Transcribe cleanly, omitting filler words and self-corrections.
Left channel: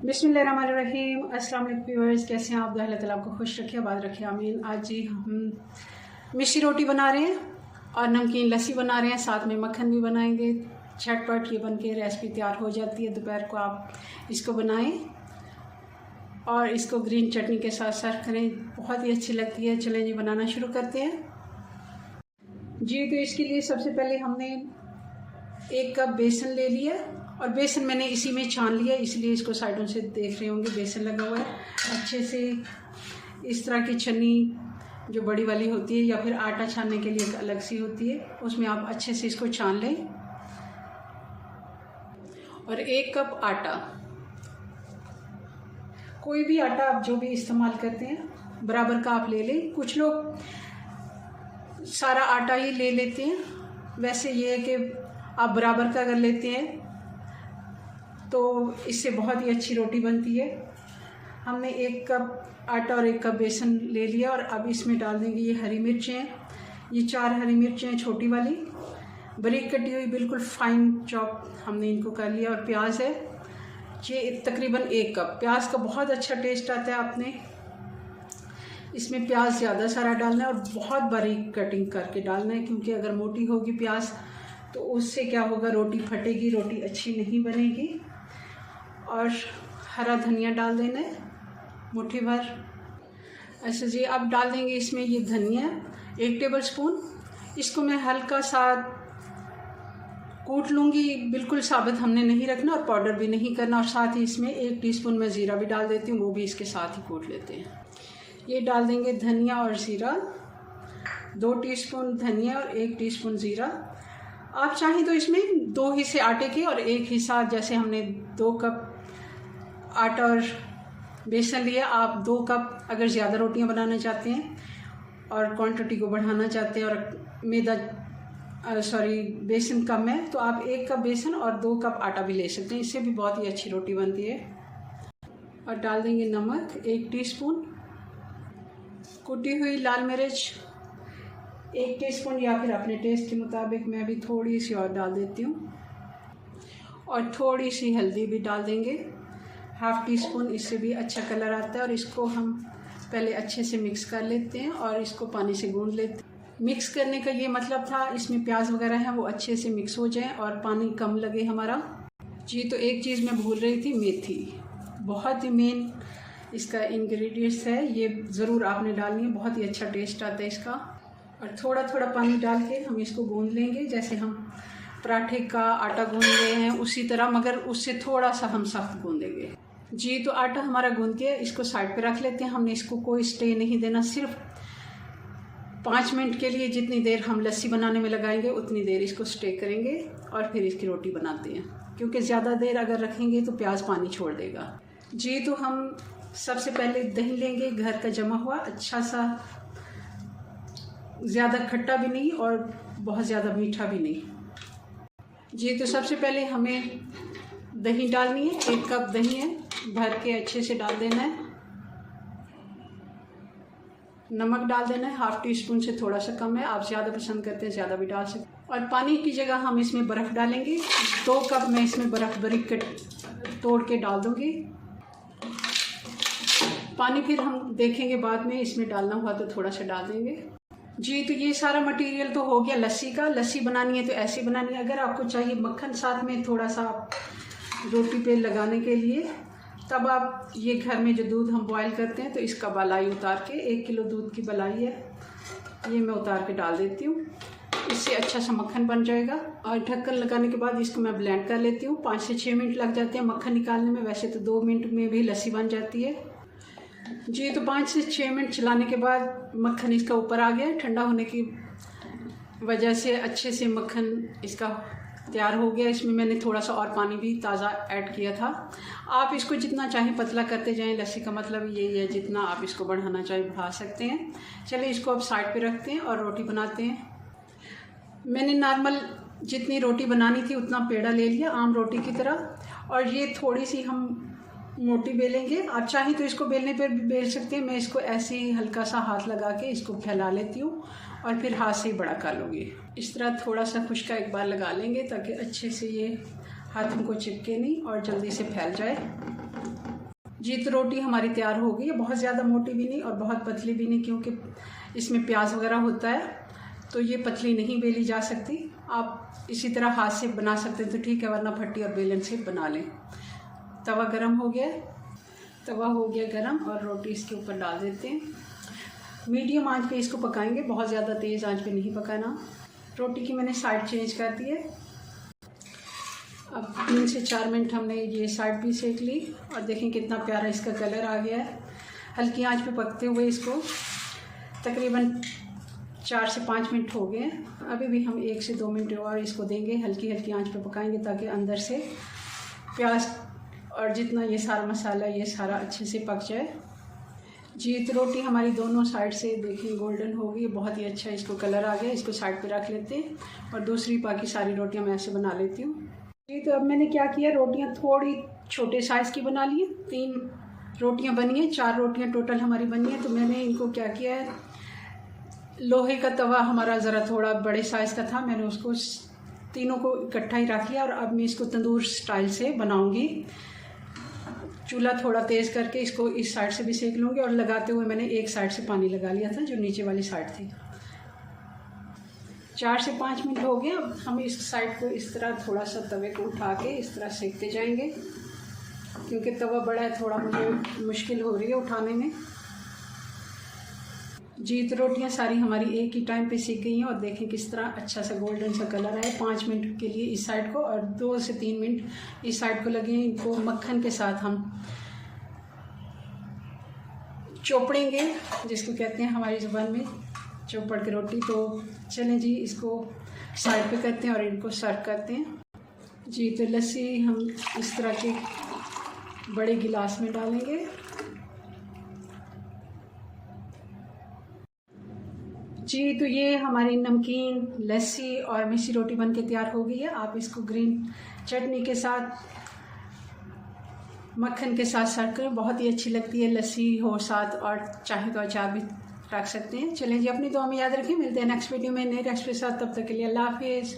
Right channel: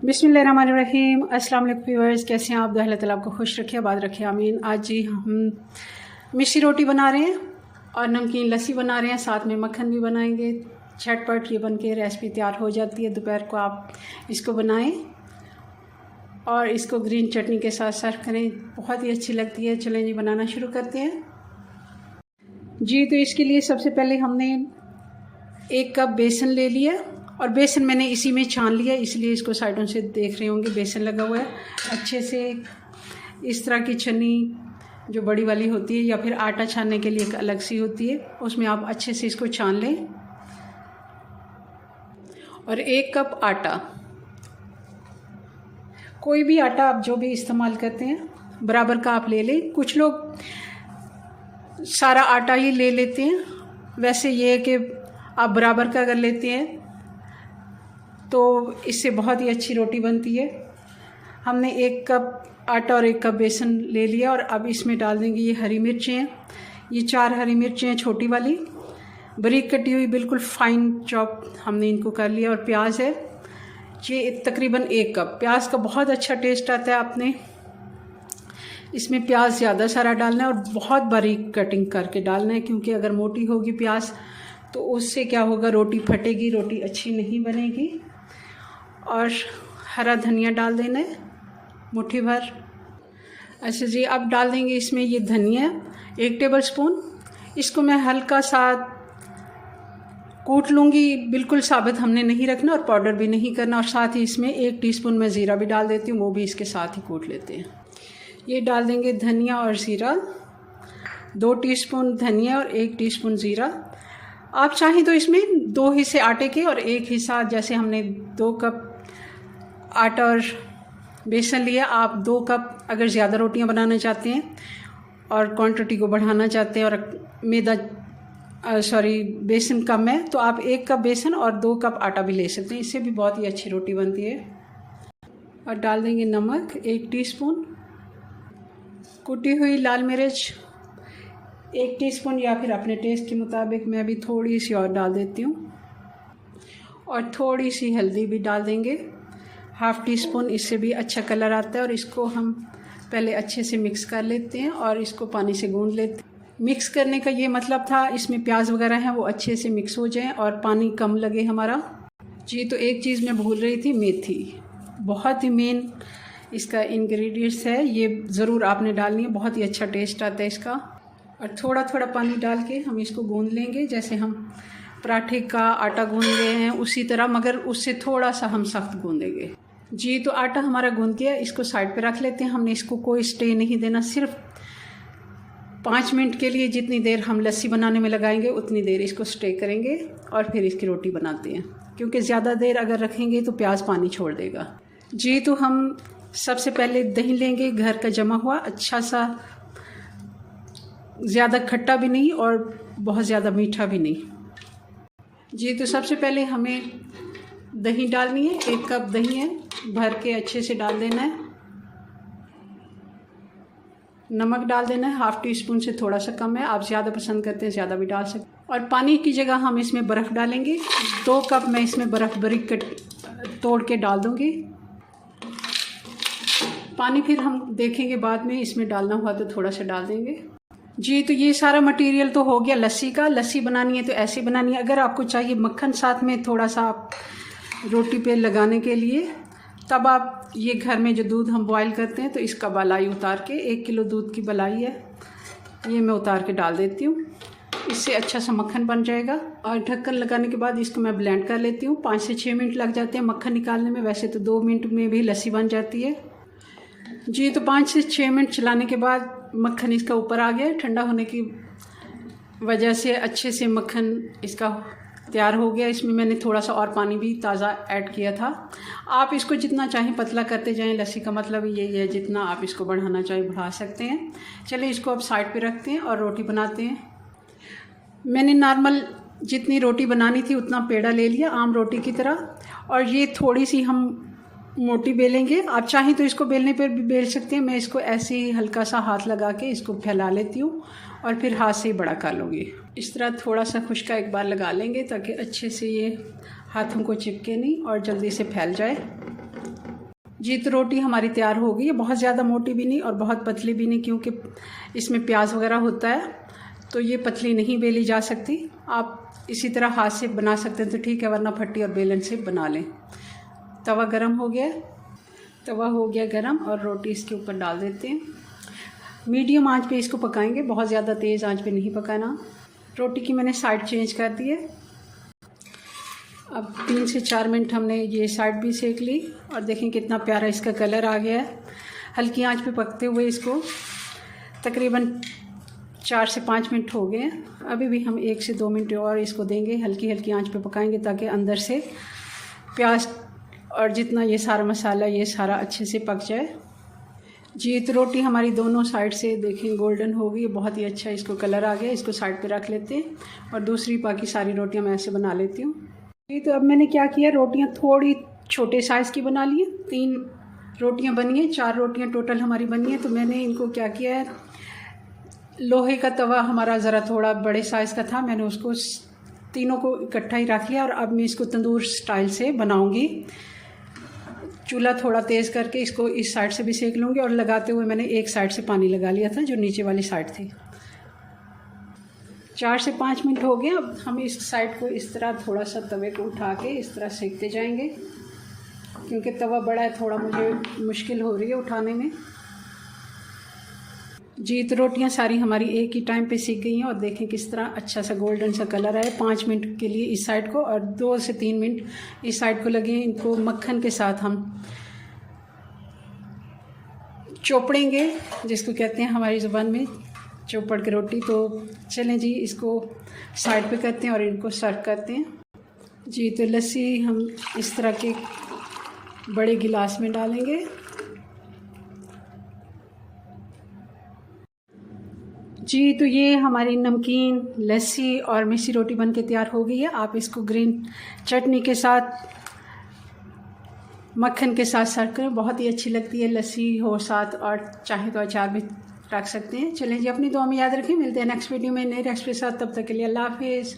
बिस्मिल्लाहिर्रहमानिर्रहीम। अस्सलाम वालेकुम व्यूअर्स, कैसे हैं आप? अल्लाह ताला आपको खुश रखे, आबाद रखे, आमीन। आज जी हम मिस्सी रोटी बना रहे हैं और नमकीन लस्सी बना रहे हैं, साथ में मक्खन भी बनाएंगे। झटपट ये बन के रेसिपी तैयार हो जाती है। दोपहर को आप इसको बनाएं और इसको ग्रीन चटनी के साथ सर्व करें, बहुत ही अच्छी लगती है। चलें जी बनाना शुरू करते हैं जी। तो इसके लिए सबसे पहले हमने 1 कप बेसन ले लिया और बेसन मैंने इसी में छान लिया, इसलिए इसको साइडों से देख रहे होंगे बेसन लगा हुआ है। अच्छे से इस तरह की छन्नी जो बड़ी वाली होती है या फिर आटा छानने के लिए एक अलग सी होती है, उसमें आप अच्छे से इसको छान लें। और 1 कप आटा, कोई भी आटा आप जो भी इस्तेमाल करते हैं बराबर का आप ले लें। कुछ लोग सारा आटा ही ले लेते हैं, वैसे ये है कि आप बराबर का अगर लेते हैं तो इससे बहुत ही अच्छी रोटी बनती है। हमने 1 कप आटा और 1 कप बेसन ले लिया और अब इसमें डाल देंगे ये हरी मिर्चें हैं। ये 4 हरी मिर्चें हैं छोटी वाली, बारीक कटी हुई, बिल्कुल फाइन चॉप हमने इनको कर लिया। और प्याज है ये तकरीबन 1 कप। प्याज का बहुत अच्छा टेस्ट आता है, आपने इसमें प्याज ज़्यादा सारा डालना है और बहुत बारीक कटिंग करके डालना है, क्योंकि अगर मोटी होगी प्याज तो उससे क्या होगा, रोटी फटेगी, रोटी अच्छी नहीं बनेगी। और हरा धनिया डाल देना है मुट्ठी भर। अच्छा जी, अब डाल देंगे इसमें ये धनिया 1 टेबलस्पून। इसको मैं हल्का सा कूट लूँगी, बिल्कुल साबित हमने नहीं रखना और पाउडर भी नहीं करना। और साथ ही इसमें 1 टीस्पून मैं ज़ीरा भी डाल देती हूँ, वो भी इसके साथ ही कूट लेते हैं। ये डाल देंगे धनिया और ज़ीरा, 2 टीस्पून धनिया और 1 टीस्पून ज़ीरा। आप चाहें तो इसमें 2 हिस्से आटे के और 1 हिस्सा, जैसे हमने 2 कप आटा और बेसन लिया, आप 2 कप अगर ज़्यादा रोटियां बनाना चाहते हैं और क्वांटिटी को बढ़ाना चाहते हैं और बेसन कम है, तो आप 1 कप बेसन और 2 कप आटा भी ले सकते हैं, इससे भी बहुत ही अच्छी रोटी बनती है। और डाल देंगे नमक 1 टीस्पून, कुटी हुई लाल मिर्च 1 टीस्पून या फिर अपने टेस्ट के मुताबिक, मैं भी थोड़ी सी और डाल देती हूँ। और थोड़ी सी हल्दी भी डाल देंगे 1/2 टीस्पून, इससे भी अच्छा कलर आता है। और इसको हम पहले अच्छे से मिक्स कर लेते हैं और इसको पानी से गूंद लेते हैं। मिक्स करने का ये मतलब था, इसमें प्याज वगैरह हैं वो अच्छे से मिक्स हो जाएं और पानी कम लगे हमारा जी। तो एक चीज़ मैं भूल रही थी, मेथी बहुत ही मेन इसका इंग्रेडिएंट्स है, ये ज़रूर आपने डालनी है, बहुत ही अच्छा टेस्ट आता है इसका। और थोड़ा थोड़ा पानी डाल के हम इसको गूंद लेंगे, जैसे हम पराठे का आटा गूंद रहे हैं उसी तरह, मगर उससे थोड़ा सा हम सख्त गूंदेंगे जी। तो आटा हमारा गूंद गया, इसको साइड पे रख लेते हैं। हमने इसको कोई स्टे नहीं देना, सिर्फ 5 मिनट के लिए, जितनी देर हम लस्सी बनाने में लगाएंगे उतनी देर इसको स्टे करेंगे और फिर इसकी रोटी बनाते हैं, क्योंकि ज़्यादा देर अगर रखेंगे तो प्याज पानी छोड़ देगा जी। तो हम सबसे पहले दही लेंगे, घर का जमा हुआ, अच्छा सा, ज़्यादा खट्टा भी नहीं और बहुत ज़्यादा मीठा भी नहीं जी। तो सबसे पहले हमें दही डालनी है, 1 कप दही है, भर के अच्छे से डाल देना है। नमक डाल देना है 1/2 टीस्पून से थोड़ा सा कम है, आप ज़्यादा पसंद करते हैं ज़्यादा भी डाल सकते। और पानी की जगह हम इसमें बर्फ़ डालेंगे, 2 कप मैं इसमें बर्फ़ बारीक तोड़ के डाल दूँगी। पानी फिर हम देखेंगे बाद में, इसमें डालना हुआ तो थोड़ा सा डाल देंगे जी। तो ये सारा मटेरियल तो हो गया लस्सी का। लस्सी बनानी है तो ऐसी बनानी है। अगर आपको चाहिए मक्खन साथ में थोड़ा सा रोटी पे लगाने के लिए, तब आप ये घर में जो दूध हम बॉयल करते हैं तो इसका बलाई उतार के, 1 किलो दूध की बलाई है, ये मैं उतार के डाल देती हूँ, इससे अच्छा सा मक्खन बन जाएगा। और ढक्कन लगाने के बाद इसको मैं ब्लेंड कर लेती हूँ। 5 से 6 मिनट लग जाते हैं मक्खन निकालने में, वैसे तो 2 मिनट में भी लस्सी बन जाती है जी। तो 5 से 6 मिनट चलाने के बाद मक्खन इसका ऊपर आ गया, ठंडा होने की वजह से अच्छे से मक्खन इसका तैयार हो गया। इसमें मैंने थोड़ा सा और पानी भी ताज़ा ऐड किया था। आप इसको जितना चाहें पतला करते जाएं, लस्सी का मतलब यही है, जितना आप इसको बढ़ाना चाहें बढ़ा सकते हैं। चलिए इसको अब साइड पे रखते हैं और रोटी बनाते हैं। मैंने नॉर्मल जितनी रोटी बनानी थी उतना पेड़ा ले लिया, आम रोटी की तरह, और ये थोड़ी सी हम मोटी बेलेंगे। आप चाहें तो इसको बेलने पर भी बेल सकते हैं, मैं इसको ऐसे ही हल्का सा हाथ लगा के इसको फैला लेती हूँ और फिर हाथ से ही बड़ा कर लूँगी। इस तरह थोड़ा सा खुश्का एक बार लगा लेंगे ताकि अच्छे से ये हाथों को चिपके नहीं और जल्दी से फैल जाए। जी तो रोटी हमारी तैयार हो गई है, बहुत ज़्यादा मोटी भी नहीं और बहुत पतली भी नहीं, क्योंकि इसमें प्याज वगैरह होता है तो ये पतली नहीं बेली जा सकती। आप इसी तरह हाथ से बना सकते हैं तो ठीक है, वरना फट्टी और बेलन से बना लें। तवा गरम हो गया, तवा हो गया गरम और रोटी इसके ऊपर डाल देते हैं। मीडियम आंच पे इसको पकाएंगे, बहुत ज़्यादा तेज़ आंच पे नहीं पकाना। रोटी की मैंने साइड चेंज कर दी है। अब 3 से 4 मिनट हमने ये साइड भी सेक ली और देखें कितना प्यारा इसका कलर आ गया है। हल्की आंच पे पकते हुए इसको तकरीबन 4 से 5 मिनट हो गए। अभी भी हम 1 से 2 मिनट और इसको देंगे, हल्की हल्की आंच पे पकाएंगे ताकि अंदर से प्याज और जितना ये सारा मसाला ये सारा अच्छे से पक जाए। जी तो रोटी हमारी दोनों साइड से देखें गोल्डन हो गई, बहुत ही अच्छा इसको कलर आ गया। इसको साइड पे रख लेते हैं और दूसरी बाकी सारी रोटियां मैं ऐसे बना लेती हूँ। जी तो अब मैंने क्या किया, रोटियां थोड़ी छोटे साइज़ की बना ली। 3 रोटियां बनी हैं, 4 रोटियां टोटल हमारी बनी हैं। तो मैंने इनको क्या किया है, लोहे का तवा हमारा ज़रा थोड़ा बड़े साइज़ का था, मैंने उसको तीनों को इकट्ठा ही रख लिया और अब मैं इसको तंदूर स्टाइल से बनाऊंगी। चूल्हा थोड़ा तेज़ करके इसको इस साइड से भी सेक लूँगी और लगाते हुए मैंने एक साइड से पानी लगा लिया था जो नीचे वाली साइड थी। 4 से 5 मिनट हो गए। अब हम इस साइड को इस तरह थोड़ा सा तवे को उठा के इस तरह सेकते जाएंगे, क्योंकि तवा बड़ा है, थोड़ा मुझे मुश्किल हो रही है उठाने में। जी तो रोटियां सारी हमारी एक ही टाइम पे सीख गई हैं और देखें किस तरह अच्छा सा गोल्डन सा कलर आया। 5 मिनट के लिए इस साइड को और 2 से 3 मिनट इस साइड को लगे। इनको मक्खन के साथ हम चोपड़ेंगे, जिसको कहते हैं हमारी ज़ुबान में चौपड़ की रोटी। तो चलें जी, इसको साइड पे करते हैं और इनको सर्व करते हैं। जी तो लस्सी हम इस तरह के बड़े गिलास में डालेंगे। जी तो ये हमारी नमकीन लस्सी और मिस्सी रोटी बन के तैयार हो गई है। आप इसको ग्रीन चटनी के साथ, मक्खन के साथ सर्व करें, बहुत ही अच्छी लगती है। लस्सी हो साथ और चाहे तो अचार भी रख सकते हैं। चलें जी, अपनी दुआ में याद रखें। मिलते हैं नेक्स्ट वीडियो में नई रेसिपी के साथ। तब तक के लिए अल्लाह हाफिज़।